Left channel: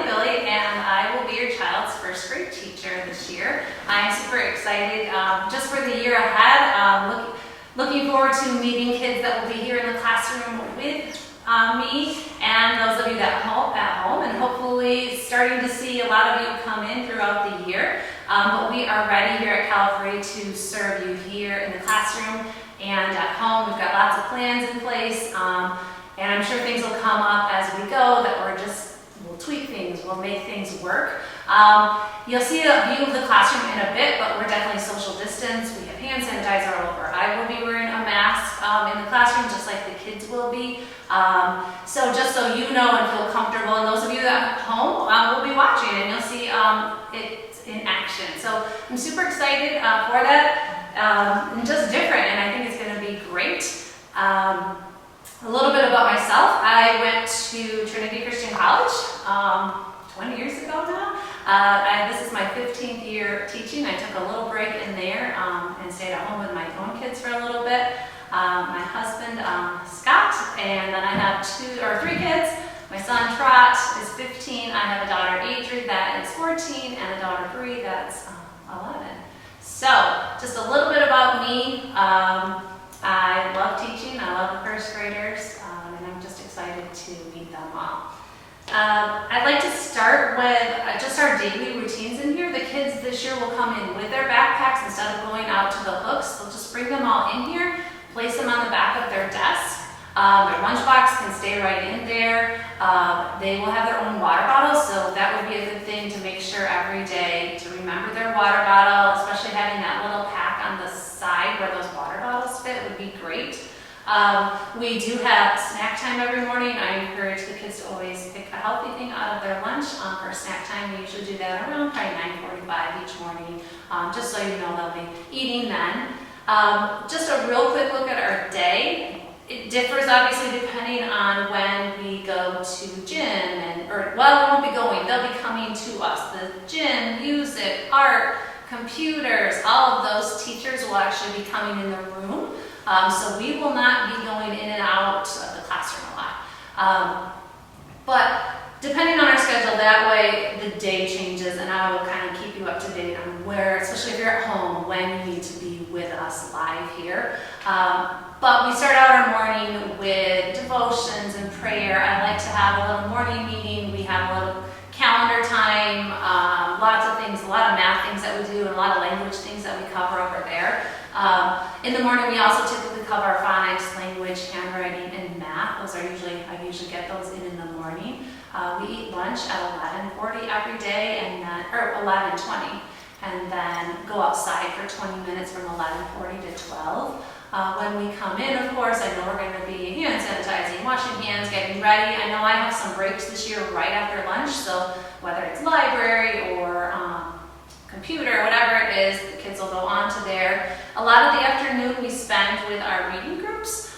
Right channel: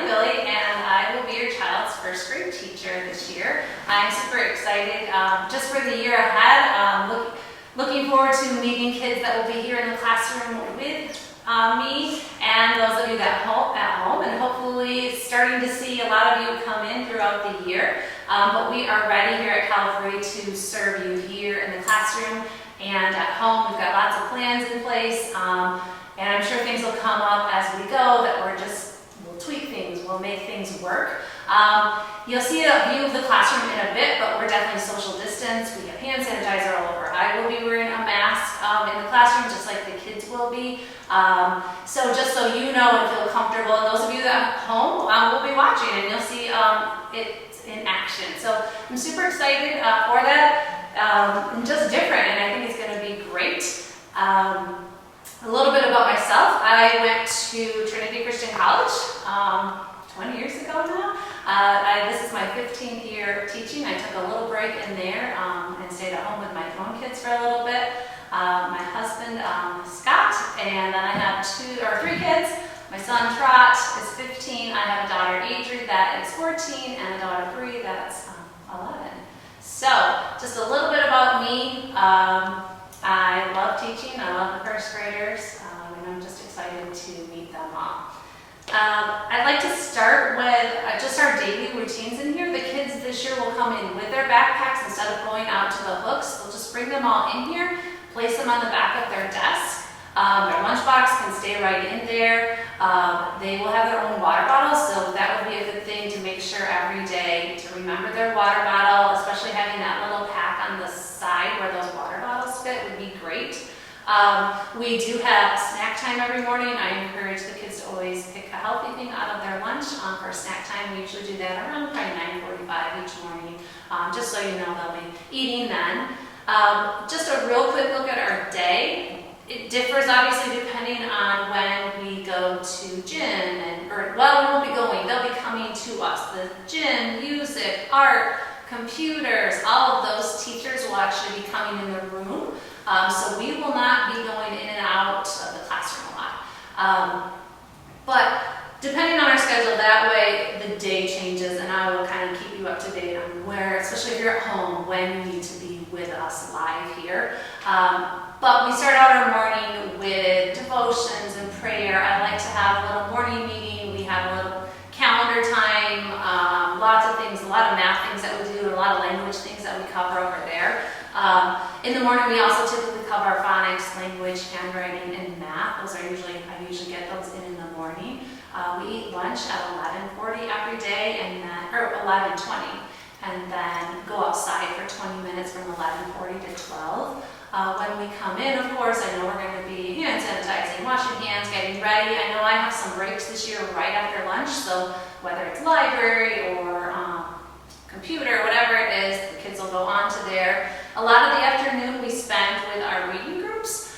Bille, and I will be your child's first grade teacher this year. I'm super excited just for the year ahead. Looking forward to meeting kids that will be here in the classroom with me and those of you that at home, and hopefully starting to see a lot of you come in throughout the year. But we are ready here at Calvary to serve you here in the classroom and at home. We've got lots of plans in place, and I'm sure things will come up as we go that we'll tweak things, we'll make things work. You'll see a view of the classroom in a bit, but we're definitely social distance. We have hand sanitizer all over. I will be wearing a mask in the classroom, just like the kids will be. So just so you know and feel comfortable, and those of you that at home will be watching, and you'll see it in action. So I'm super excited for that, and just different, and I think it's going to be great. A little bit about myself. I went to Trinity Christian College 20 years ago now. This is my 15th year teaching. I took a little break in there and stayed at home with my own kids for a little bit. My husband, Scott, and then I have 3 kids. My son, Trot, is 15. I have a daughter, Adri, that is 14, and a daughter, Bree, that's 11. So, just a little bit about me. I love teaching. I love the first graders, and I'm just excited to meet them all. I'd like to start with just our daily routines in here. The kids this year will come in with their backpacks instead of going out to the hooks. They'll just bring them all in here, place them on the back of their desk. Their lunchbox can stay right in there. They will have their own water bottles, so that would be a good thing to make sure every day to remember their water bottle, especially having that little pack on the side where those water bottles fit would be great. We do have snack time every morning. I encourage the kids to always pick a healthy thing out of their lunch for snack time. We usually do that around probably 9:45 each morning, just so you know they'll be eating then. Just a real quick look at our day. It differs obviously depending on when we go to gym, we won't be going, they'll be coming to us. The gym, music, art, computers, all of those teachers will actually be coming in the room. So we will not be going in and out of the classroom a lot. But depending on our schedule, that way the day changes, and I will kind of keep you up to date on where, especially if you're at home, when you need to be with us live here. But we start out our morning with devotions and prayer. I like to have a little morning meeting. We have a little calendar time, lots of things, a lot of math things that we do, and a lot of language things that we cover over there. In the morning, we also typically cover our phonics, language, handwriting, and math. I usually get those in the morning. We eat lunch at 11:40 every day, or 11:20, and then go outside for 20 minutes from 11:40 to 12. When we come in, of course, I know we're going to be hand sanitizing, washing hands, getting ready. I know I have some breaks this year right after lunch, so whether it's library or computer, whatever it is, the kids will go on to there. A lot of the afternoon we spend with our reading groups,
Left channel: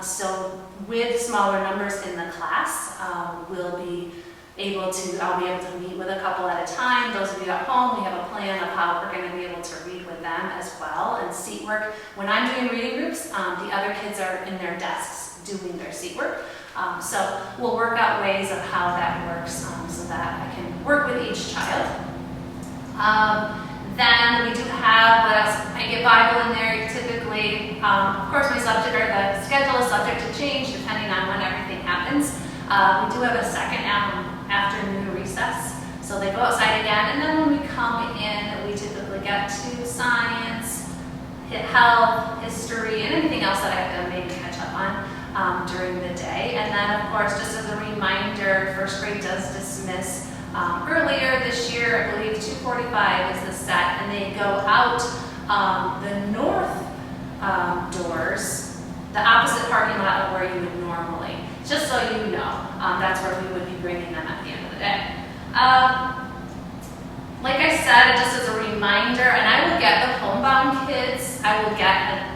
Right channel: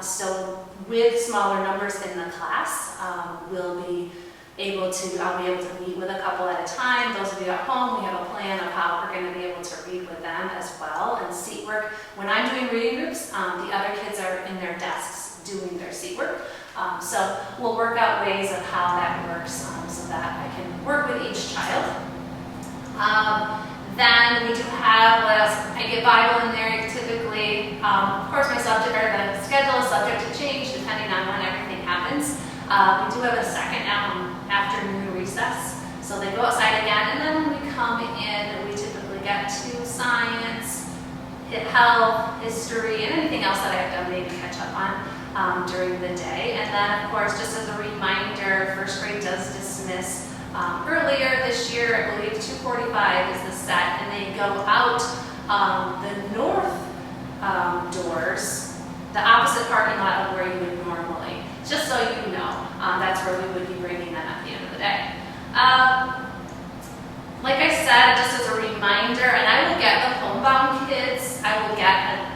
so with smaller numbers in the class, I'll be able to meet with a couple at a time. Those of you at home, we have a plan of how we're going to be able to read with them as well, and seat work. When I'm doing reading groups, the other kids are in their desks doing their seat work. So we'll work out ways of how that works so that I can work with each child. Then we do have, what else? I get Bible in there typically. Of course, the schedule is subject to change depending on when everything happens. We do have a second afternoon recess, so they go outside again, and then when we come in, we typically get to science, health, history, and anything else that I have to maybe catch up on during the day. And then, of course, just as a reminder, first grade does dismiss earlier this year. I believe 2:45 is the set, and they go out the north doors, the opposite parking lot of where you would normally. Just so you know, that's where we would be bringing them at the end of the day. Like I said, just as a reminder, and I will get the homebound kids, I will get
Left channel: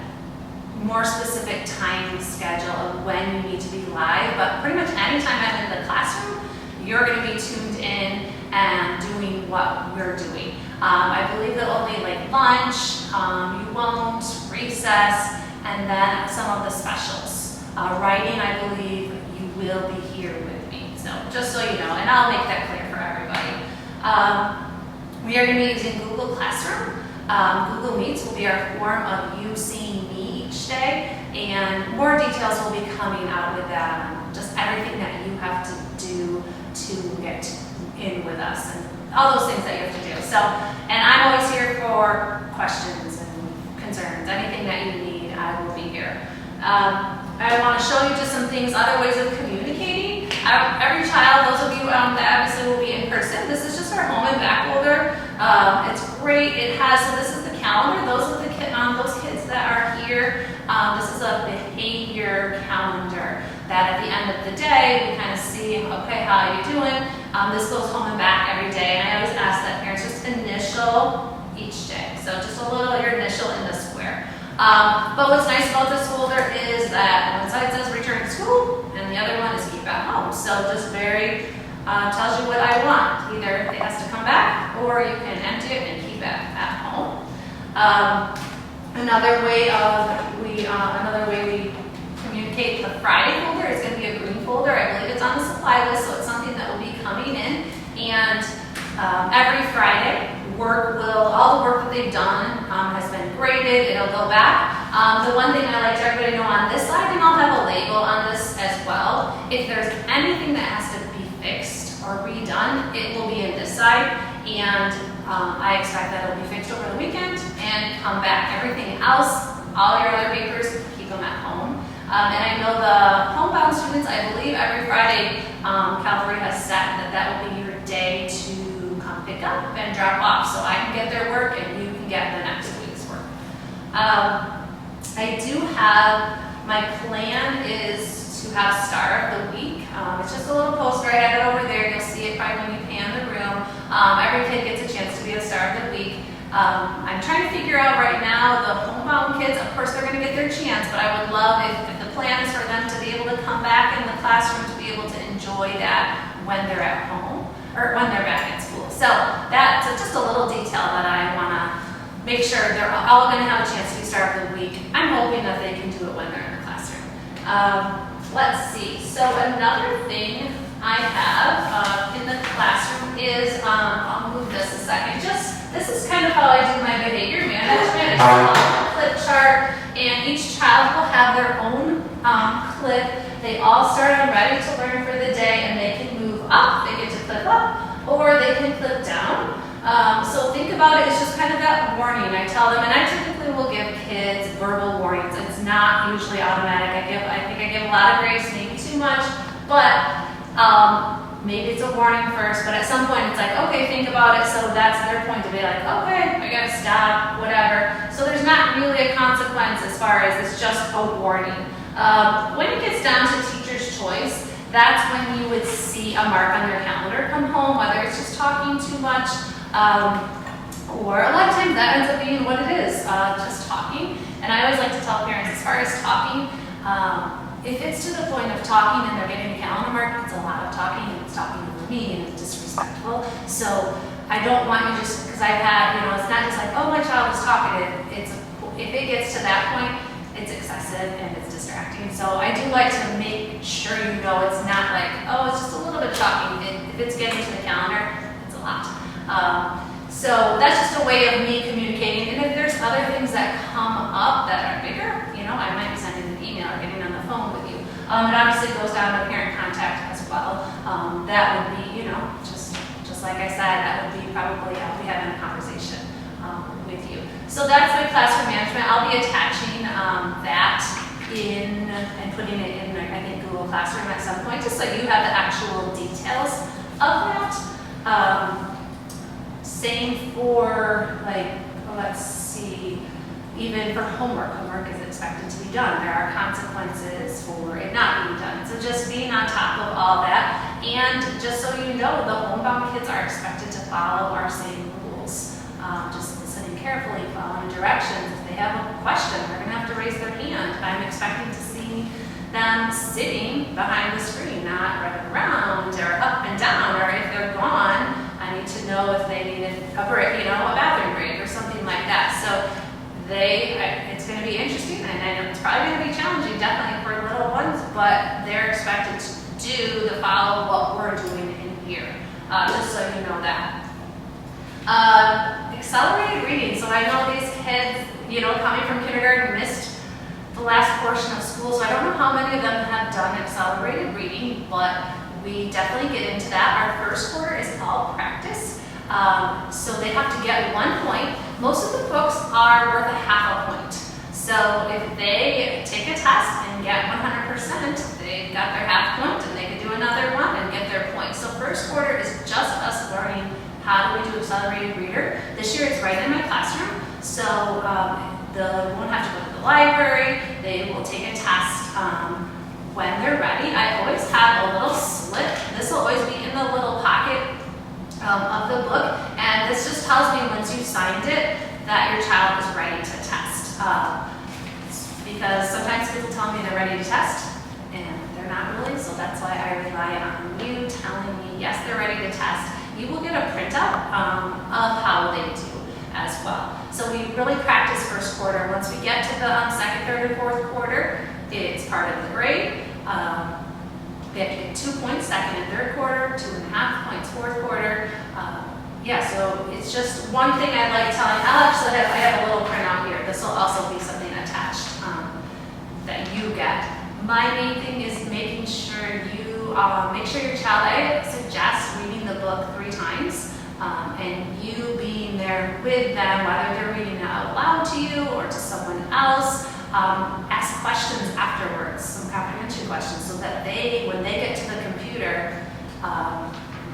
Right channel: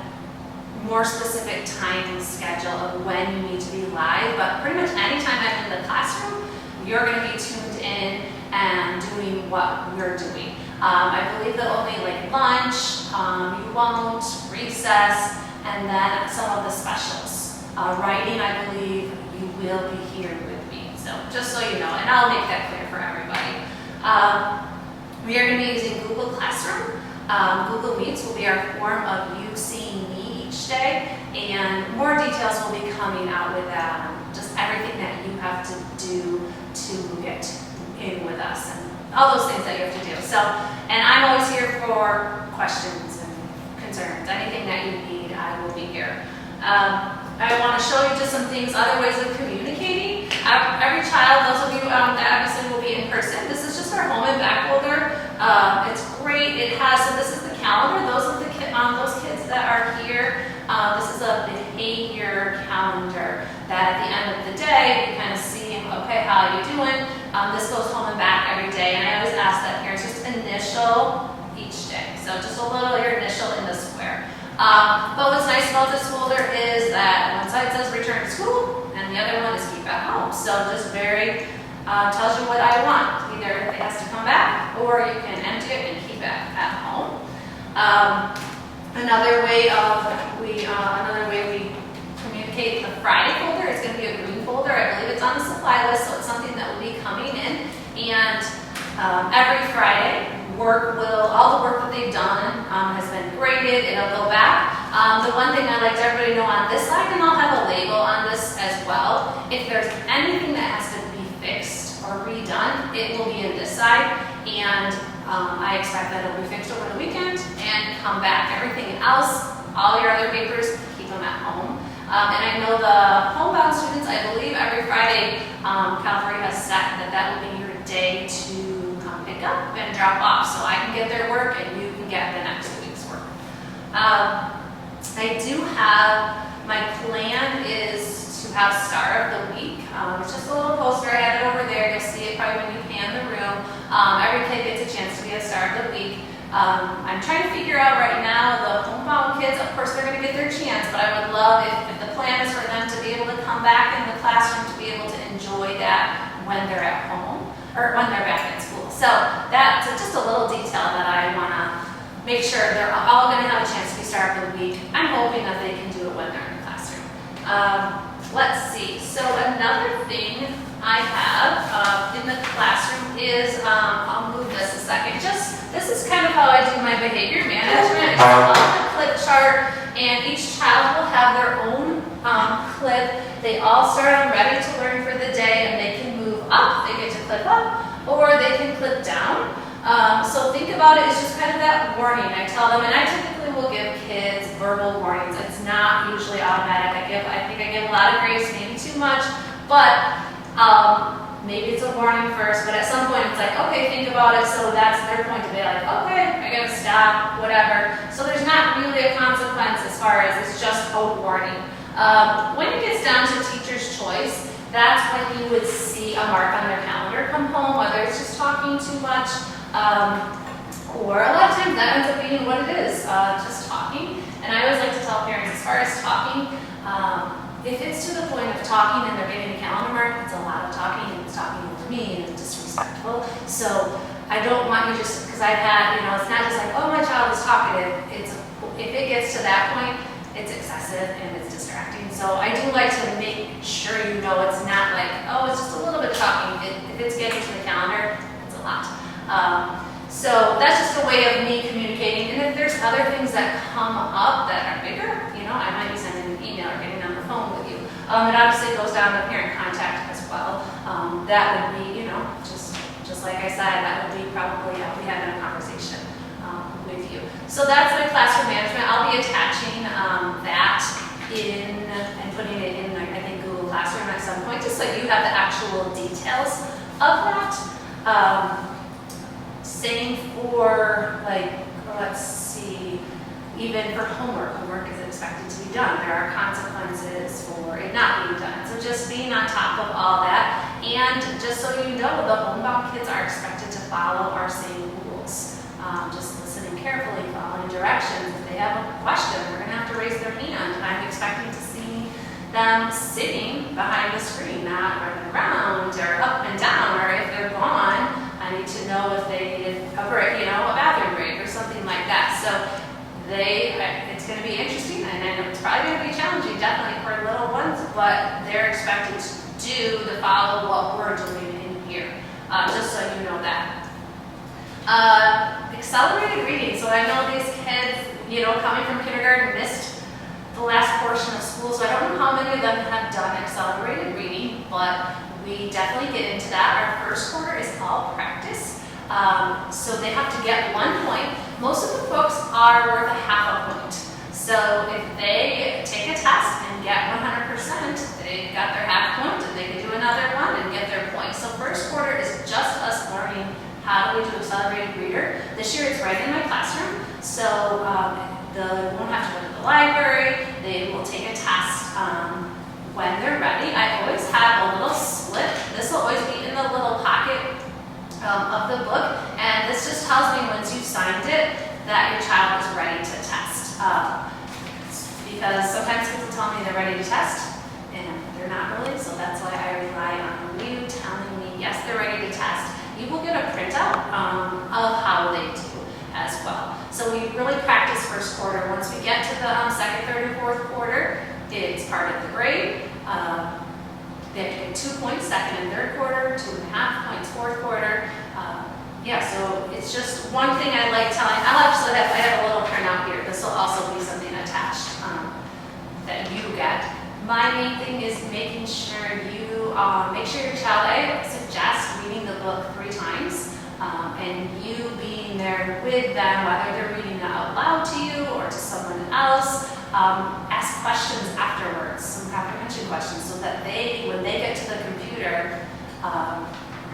a more specific time schedule of when you need to be live, but pretty much anytime I'm in the classroom, you're going to be tuned in and doing what we're doing. I believe that only lunch, you won't, recess, and then some of the specials. Writing, I believe you will be here with me. So just so you know, and I'll make that clear for everybody. We are going to be using Google Classroom. Google Meets will be our form of you seeing me each day, and more details will be coming out with that on just everything that you have to do to get in with us and all those things that you have to do. So, and I'm always here for questions and concerns. Anything that you need, I will be here. I want to show you just some things, other ways of communicating. Every child, those of you that obviously will be in person, this is just our home and back folder. It's great. It has, so this is the calendar. Those are those kids that are here. This is a behavior calendar that at the end of the day, we kind of see, okay, how are you doing? This goes home and back every day. And I always ask that parents just initial each day. So just a little, your initial in the square. But what's nice about this folder is that one side says return to school and the other one is keep at home. So just very, tells you what I want. Either it has to come back or you can empty it and keep it at home. Another way we communicate the Friday folder is going to be a green folder. I believe it's on the supply list, so it's something that will be coming in. And every Friday, all the work that they've done has been graded. It'll go back. The one thing I like to everybody know on this side, and I'll have a label on this as well, if there's anything that has to be fixed or redone, it will be in this side. And I expect that it'll be fixed over the weekend and come back. Everything else, all your other papers, keep them at home. And I know the homebound students, I believe every Friday, Calvary has set that will be your day to come pick up and drop off. So I can get their work and you can get the next week's work. I do have, my plan is to have Star of the Week. It's just a little poster. I have it over there. You'll see it probably when you pan the room. Every kid gets a chance to be a Star of the Week. I'm trying to figure out right now the homebound kids, of course they're going to get their chance, but I would love if the plan is for them to be able to come back in the classroom to be able to enjoy that when they're at home or when they're back at school. So that's just a little detail that I want to make sure they're all going to have a chance to be Star of the Week. I'm hoping that they can do it when they're in the classroom. Let's see. So another thing I have in the classroom is, I'll move this a second. This is kind of how I do my behavior management. It's a clip chart, and each child will have their own clip. They all start on ready to learn for the day, and they can move up. They get to click up, or they can click down. So think about it as just kind of that warning. I tell them, and I typically will give kids verbal warnings. It's not usually automatic. I think I give a lot of grace, maybe too much, but maybe it's a warning first, but at some point it's like, okay, think about it. So that's their point to be like, okay, I gotta stop, whatever. So there's not really a consequence as far as it's just a warning. When it gets down to teacher's choice, that's when you would see a mark on their calendar come home, whether it's just talking too much, or a lot of times that ends up being what it is, just talking. And I always like to tell parents, as far as talking, if it's to the point of talking and they're getting a calendar mark, it's a lot of talking and it's talking over me and it's disrespectful. So I don't want you just, because I've had, it's not just like, oh, my child is talkative. If it gets to that point, it's excessive and it's distracting. So I do like to make sure it's not like, oh, it's just a little bit talking. If it's getting to the calendar, it's a lot. So that's just a way of me communicating. And if there's other things that come up that are bigger, I might be sending an email or getting on the phone with you. It obviously goes down to parent contact as well. That would be, just like I said, that would be probably, I'll be having a conversation with you. So that's my classroom management. I'll be attaching that in and putting it in, I think, Google Classroom at some point, just so you have the actual details of that. Same for, let's see, even for homework. Homework is expected to be done. There are consequences for it not being done. So just being on top of all that. And just so you know, the homebound kids are expected to follow our same rules. Just listening carefully, following directions. If they have a question, they're going to have to raise their hand. I'm expecting to see them sitting behind the screen, not running around or up and down, or if they're gone, I need to know if they needed a break, a bathroom break or something like that. So it's going to be interesting, and I know it's probably going to be challenging, definitely for little ones, but they're expected do to follow what we're doing in here, just so you know that. Accelerated reading. So I know these kids, coming from kindergarten missed the last portion of school, so I don't know how many of them have done accelerated reading, but we definitely get into that. Our first quarter is all practice, so they have to get 1 point. Most of the books are worth a half a point. So if they take a test and get 100%, they've got their half point, and they can do another one and get their point. So first quarter is just us learning how do we do accelerated reader. This year it's right in my classroom, so they won't have to go to the library. They will take a test when they're ready. I always have a little slip. This will always be in the little pocket of the book, and this just tells me once you've signed it that your child is ready to test. Because sometimes kids will tell me they're ready to test, and they're not really, so that's why I rely on you telling me, yes, they're ready to test. You will get a printout of how they do as well. So we really practice first quarter. Once we get to the second, third, and fourth quarter, it's part of the grade. They have to get 2 points second and third quarter, 2.5 points fourth quarter. So it's just one thing I like telling. I have a little printout here. This will also be something attached that you get. My main thing is making sure you make sure your child, I suggest reading the book 3 times, and you being there with them, whether they're reading it out loud to you or to someone else. Ask questions afterwards, some comprehension questions, so that when they get to the computer,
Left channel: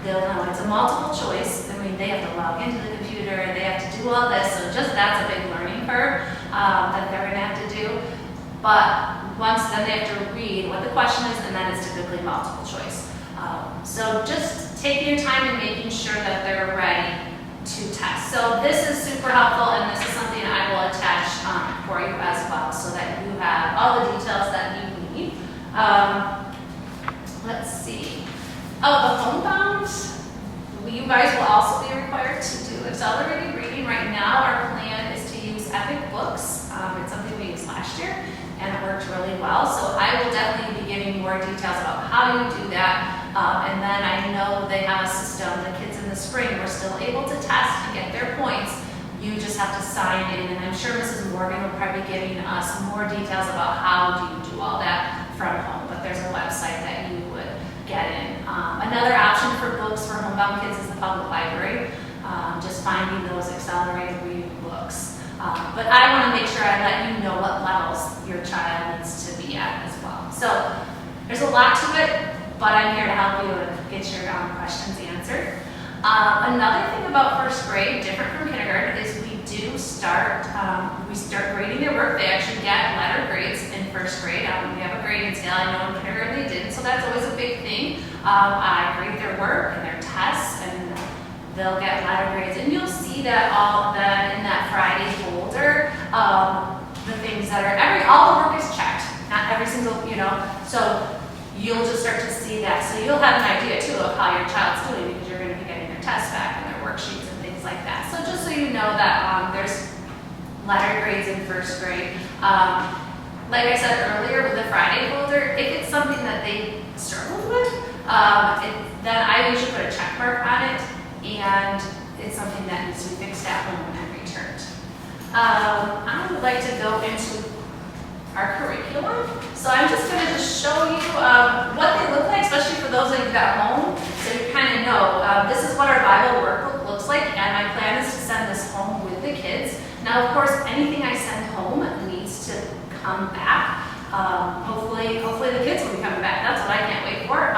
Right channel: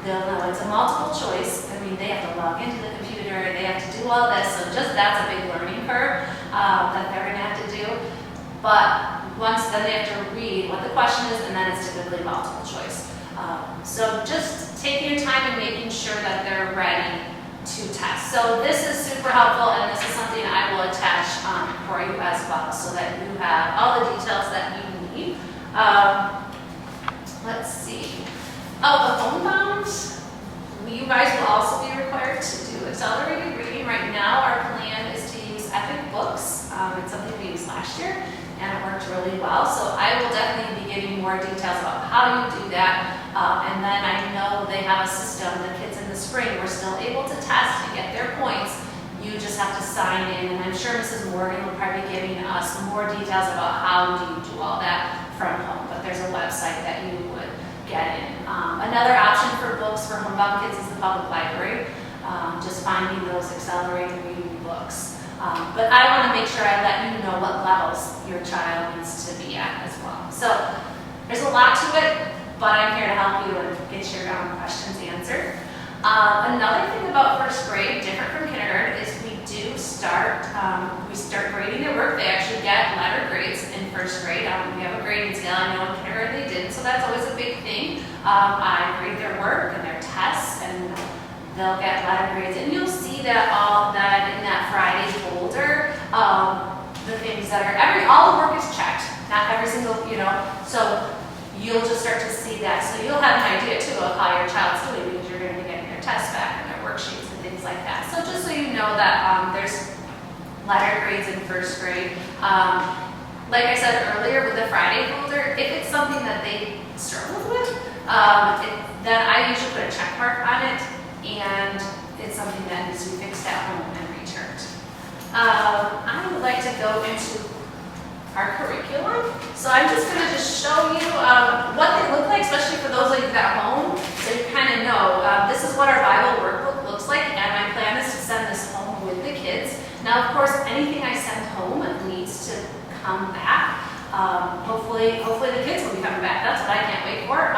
they'll know it's a multiple choice. I mean, they have to log into the computer, they have to do all this, so just that's a big learning curve that they're gonna have to do. But then they have to read what the question is, and then it's typically multiple choice. So just taking your time and making sure that they're ready to test. So this is super helpful, and this is something I will attach for you as well, so that you have all the details that you need. Let's see. Oh, the homebound. You guys will also be required to do accelerated reading. Right now, our plan is to use Epic Books. It's something we used last year, and it worked really well. So I will definitely be giving more details about how you do that. And then I know they have a system. The kids in the spring were still able to test and get their points. You just have to sign in, and I'm sure Mrs. Morgan will probably be giving us more details about how do you do all that from home. But there's a website that you would get in. Another option for books for homebound kids is the public library. Just finding those accelerated reading books. But I want to make sure I let you know what levels your child needs to be at as well. So there's a lot to it, but I'm here to help you and get your questions answered. Another thing about first grade, different from kindergarten, is we start grading their work. They actually get letter grades in first grade. We have a grading scale. I know in kindergarten they didn't, so that's always a big thing. I grade their work and their tests, and they'll get letter grades. And you'll see that in that Friday folder, the things that are all the work is checked. Not every single, so you'll just start to see that. So you'll have an idea too of how your child's doing, because you're going to be getting their tests back and their worksheets and things like that. So just so you know that there's letter grades in first grade. Like I said earlier with the Friday folder, if it's something that they struggled with, then I usually put a check mark on it, and it's something that needs to be fixed at home and returned. I would like to go into our curriculum. So I'm just going to show you what they look like, especially for those of you that are home, so you kind of know. This is what our Bible workbook looks like, and my plan is to send this home with the kids. Now, of course, anything I send home needs to come back. Hopefully the kids will be coming back. That's what I can't wait for.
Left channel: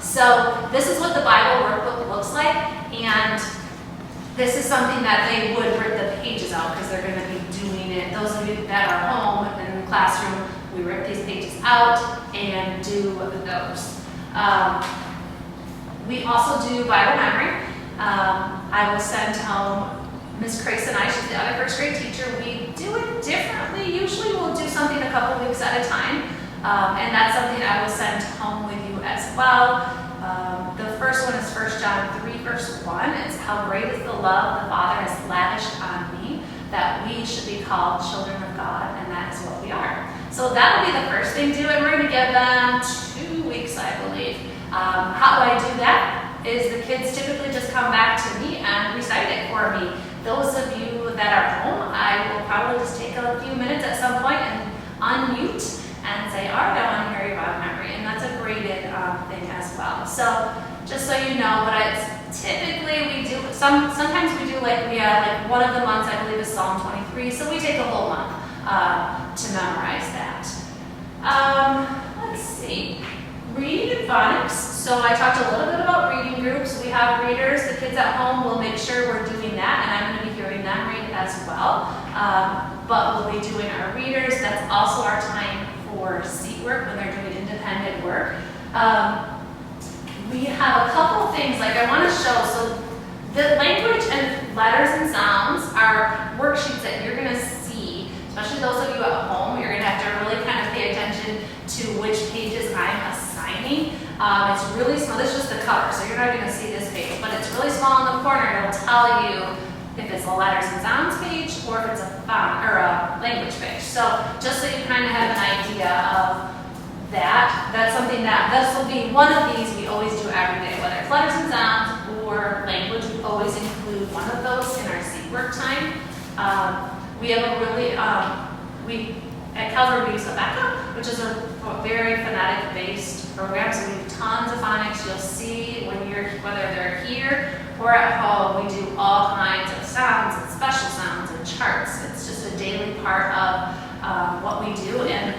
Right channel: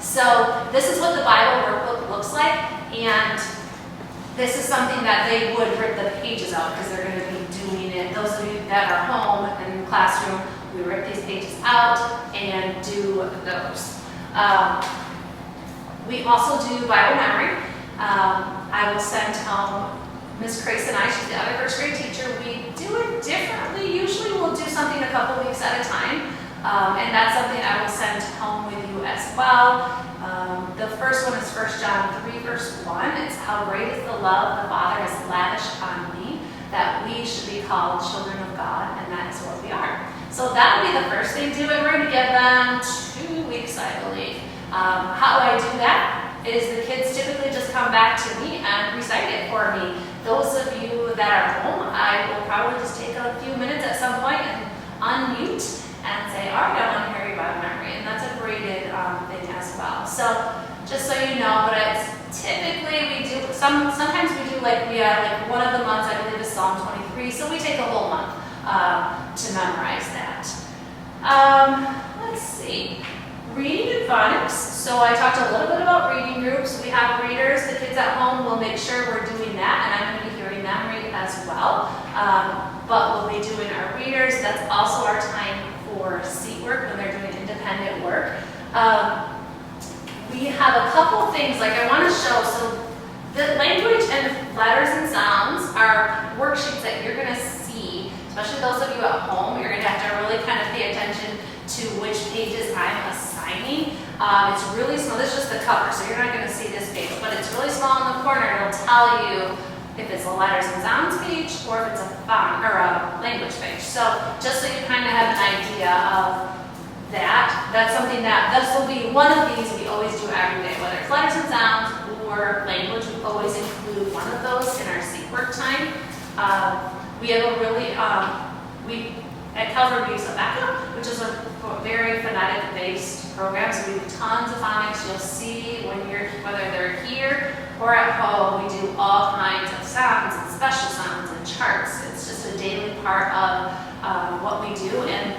So this is what the Bible workbook looks like, and this is something that they would rip the pages out, because they're going to be doing it. Those of you that are home in the classroom, we rip these pages out and do those. We also do Bible memory. I will send home Miss Grace and I, she's the other first grade teacher. We do it differently. Usually we'll do something a couple weeks at a time, and that's something I will send home with you as well. The first one is 1 John 3, verse 1. It's how great is the love the Father has lavished on me, that we should be called children of God, and that is what we are. So that'll be the first thing to do, and we're going to give them 2 weeks, I believe. How I do that is the kids typically just come back to me and recite it for me. Those of you that are home, I will probably just take a few minutes at some point and unmute and say, all right, I want to hear your Bible memory, and that's a graded thing as well. So just so you know, but it's typically we do, sometimes we do like one of the months I believe is Psalm 23, so we take a whole month to memorize that. Let's see, reading and phonics. So I talked a little bit about reading groups. We have readers, the kids at home will make sure we're doing that, and I'm going to be hearing them read as well. But we'll be doing our readers. That's also our time for seat work when they're doing independent work. We have a couple things like I want to show. So the language and letters and sounds are worksheets that you're going to see, especially those of you at home. You're going to have to really kind of pay attention to which pages I'm assigning. It's really small. This is just the cover, so you're not going to see this page, but it's really small in the corner. It'll tell you if it's a letters and sounds page or if it's a font or a language page. So just so you kind of have an idea of that, that's something that, this will be one of these we always do every day, whether it's letters and sounds or language, we always include one of those in our seat work time. We have a really, at Calvary we use a backup, which is a very phonetic-based program, so we do tons of phonics. You'll see when whether they're here or at home, we do all kinds of sounds and special sounds and charts. It's just a daily part of what we do, and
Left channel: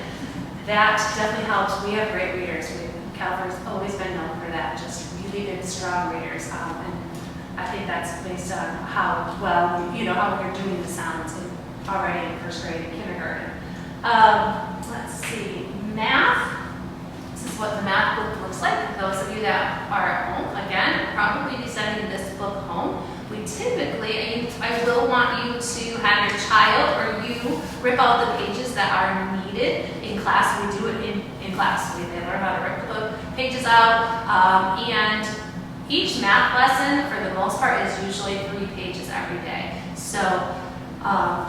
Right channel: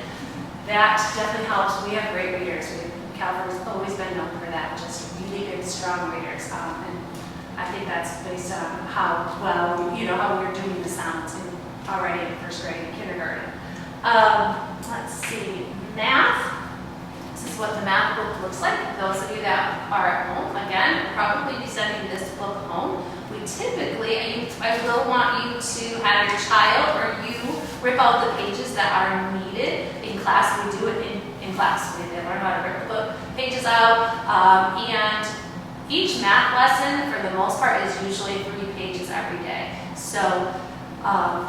that definitely helps. We have great readers. Calvary's always been known for that, just really good, strong readers. And I think that's based on how well, how we're doing the sounds already in first grade and kindergarten. Let's see, math. This is what the math book looks like. Those of you that are at home, again, probably be sending this book home. We typically, I will want you to have your child or you rip out the pages that are needed in class. We do it in class. They learn how to rip the book pages out. And each math lesson, for the most part, is usually 3 pages every day. So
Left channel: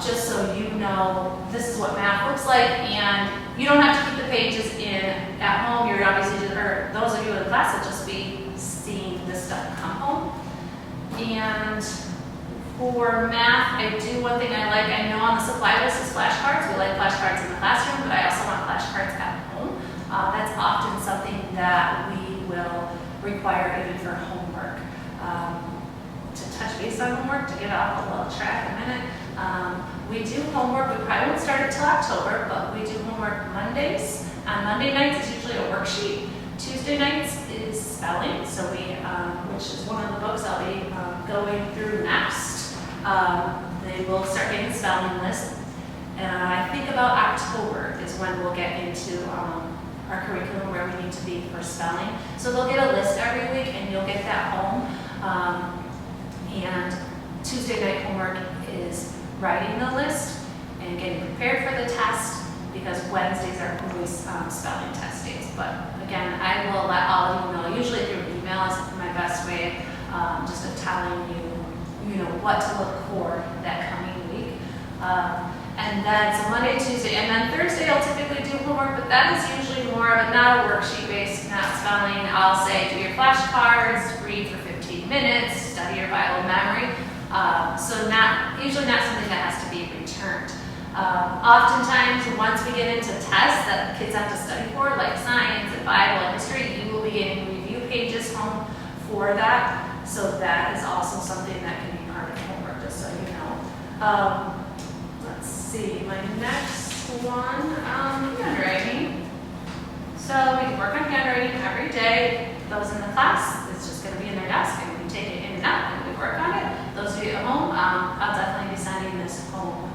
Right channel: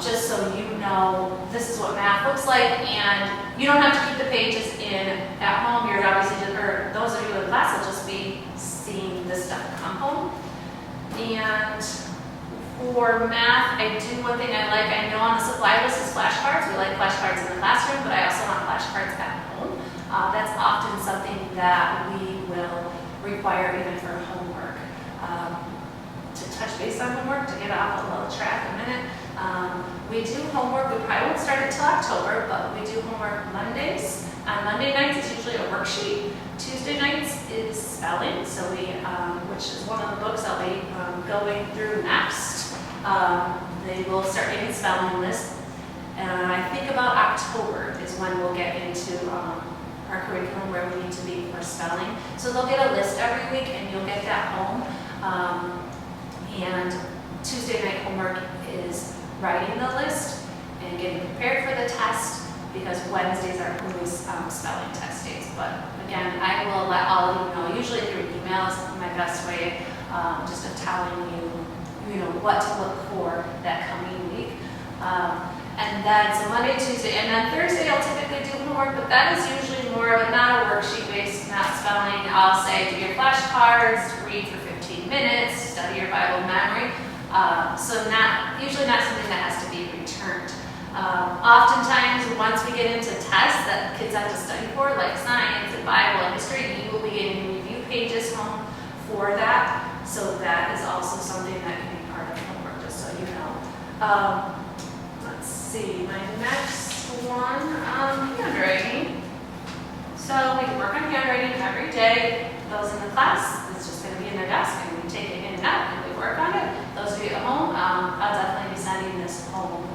just so you know, this is what math looks like, and you don't have to keep the pages in at home. You're obviously just, or those of you in class will just be seeing this stuff come home. And for math, I do one thing I like. I know on the supply list is flashcards. We like flashcards in the classroom, but I also want flashcards at home. That's often something that we will require even for homework. To touch base on homework, to get off a little track a minute. We do homework, we probably won't start it till October, but we do homework Mondays. On Monday nights, it's usually a worksheet. Tuesday nights is spelling, so which is one of the books I'll be going through next. They will start getting spelling lists. I think about October is when we'll get into our curriculum where we need to be for spelling. So they'll get a list every week, and you'll get that home. And Tuesday night homework is writing the list and getting prepared for the test, because Wednesdays are always spelling test days. But again, I will let all of you know, usually through email is my best way just of telling you, what to look for that coming week. And then, so Monday, Tuesday, and then Thursday I'll typically do homework, but that is usually more of not a worksheet based, not spelling. I'll say do your flashcards, read for 15 minutes, study your Bible memory. So usually not something that has to be returned. Oftentimes, once we get into tests that kids have to study for, like science and Bible and history, you will be getting review pages home for that. So that is also something that can be part of homework, just so you know. Let's see, my next one, handwriting. So we can work on handwriting every day. Those in the class, it's just going to be in their desk, and we take it in and out, and we work on it. Those of you at home, I'll definitely be sending this home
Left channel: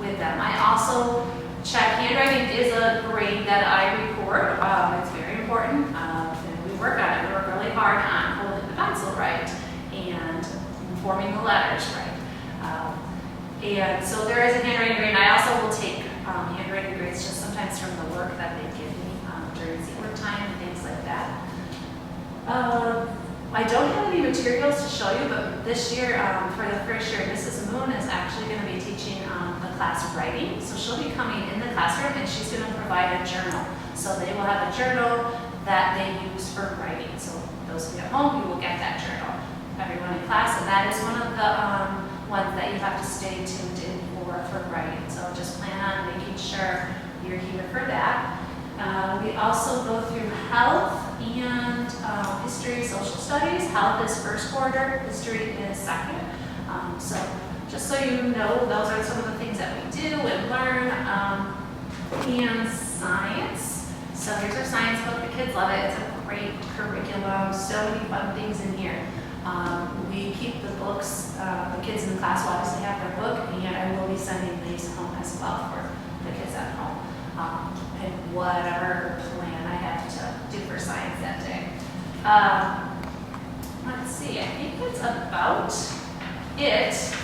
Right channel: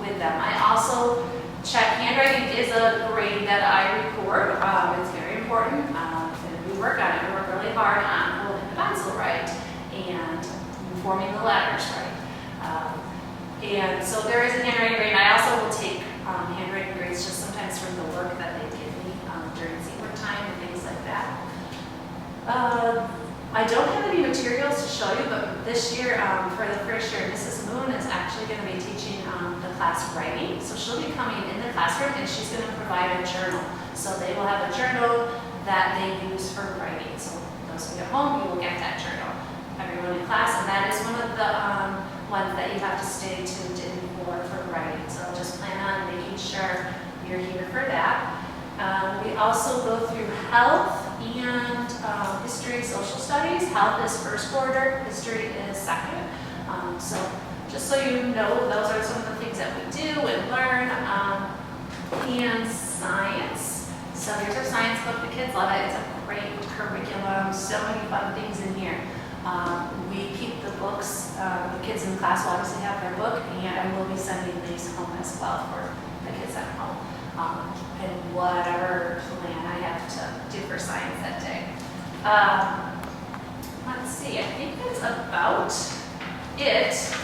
with them. I also check, handwriting is a grade that I record. It's very important, and we work on it. We work really hard on holding the pencil right and forming the letters right. And so there is a handwriting grade. I also will take handwriting grades just sometimes from the work that they give me during seat work time and things like that. I don't have any materials to show you, but this year, for the first year, Mrs. Moon is actually going to be teaching the class writing. So she'll be coming in the classroom, and she's going to provide a journal. So they will have a journal that they use for writing. So those of you at home, you will get that journal. Everyone in class, and that is one of the ones that you have to stay tuned in for writing. So just plan on making sure you're here for that. We also go through health and history, social studies. Health is first quarter, history is second. So just so you know, those are some of the things that we do and learn. And science. So here's our science book. The kids love it. It's a great curriculum. So many fun things in here. We keep the books. The kids in the class will obviously have their book, and I will be sending these home as well for the kids at home. And whatever plan I have to do for science that day. Let's see, I think that's about it.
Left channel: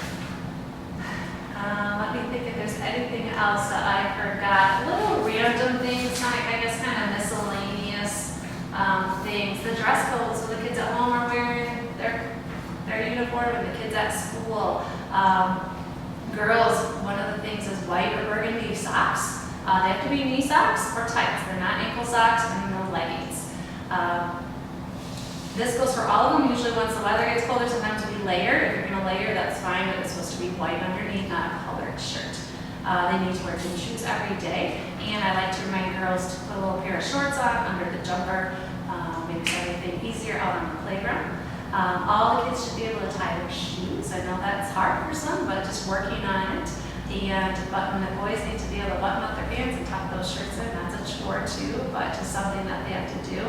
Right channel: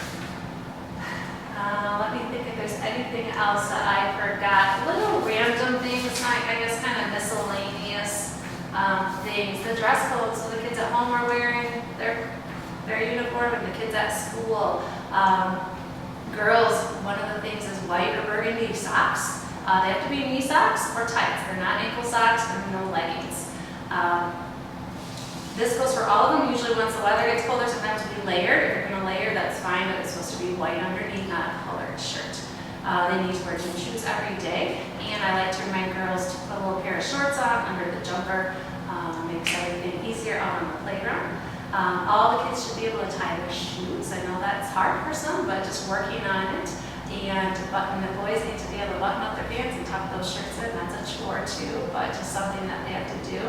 Let me think if there's anything else that I forgot. Little random things, I guess kind of miscellaneous things. The dress code, so the kids at home are wearing their uniform and the kids at school. Girls, one of the things is white or burgundy socks. They have to be knee socks or tights. They're not ankle socks and no leggings. This goes for all of them. Usually once the weather gets colder, sometimes we layer. If you're going to layer, that's fine, but it's supposed to be white underneath, not a colored shirt. They need to wear gym shoes every day, and I like to remind girls to put a little pair of shorts on under the jumper. Makes everything easier out on the playground. All the kids should be able to tie their shoes. I know that's hard for some, but just working on it. And the boys need to be able to button up their pants and tuck those shirts in. That's a chore too, but just something that they have to do.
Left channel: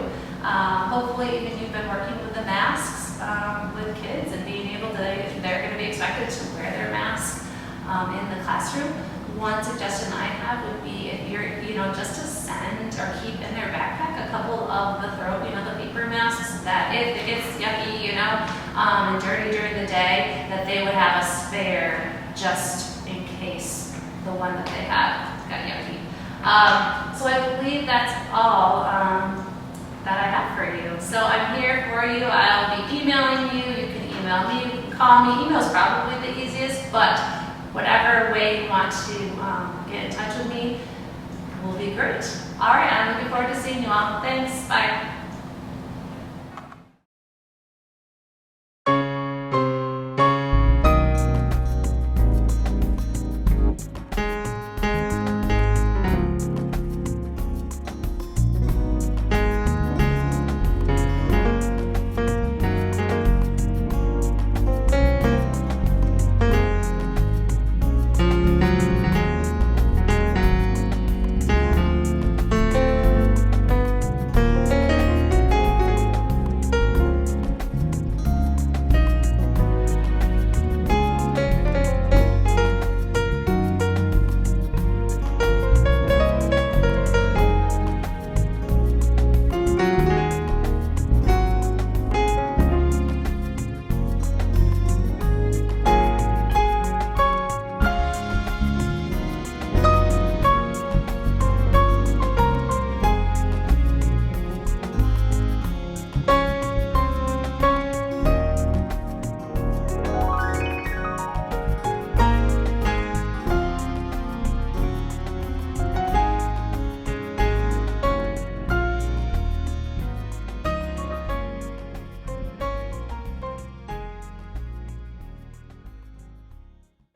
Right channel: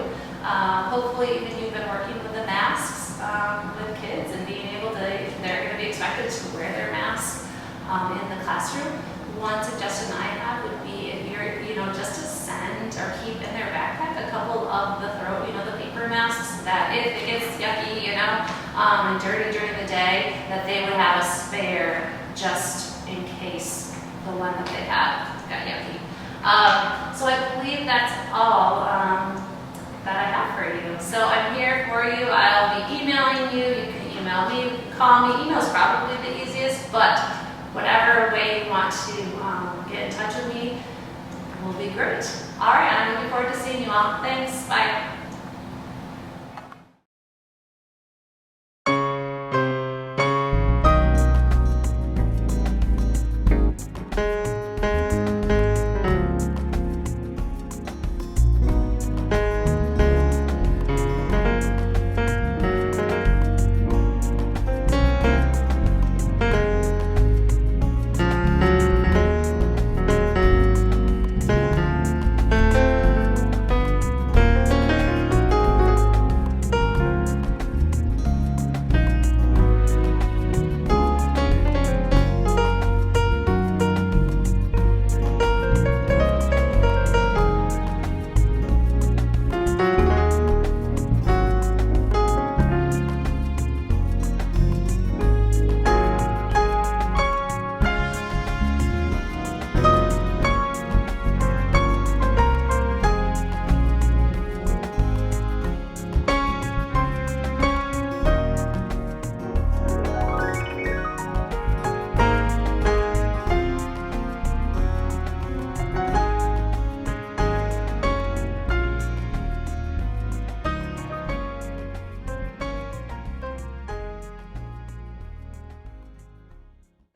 Hopefully, even you've been working with the masks with kids and being able to, they're going to be expected to wear their mask in the classroom. One suggestion I have would be if you're, just to send or keep in their backpack a couple of the the paper masks that if it gets yucky, and dirty during the day, that they would have a spare just in case the one that they have got yucky. So I believe that's all that I have for you. So I'm here for you. I'll be emailing you. You can email me, you can call me. Email's probably the easiest, but whatever way you want to get in touch with me will be great. All right, I'm looking forward to seeing you all. Thanks. Bye.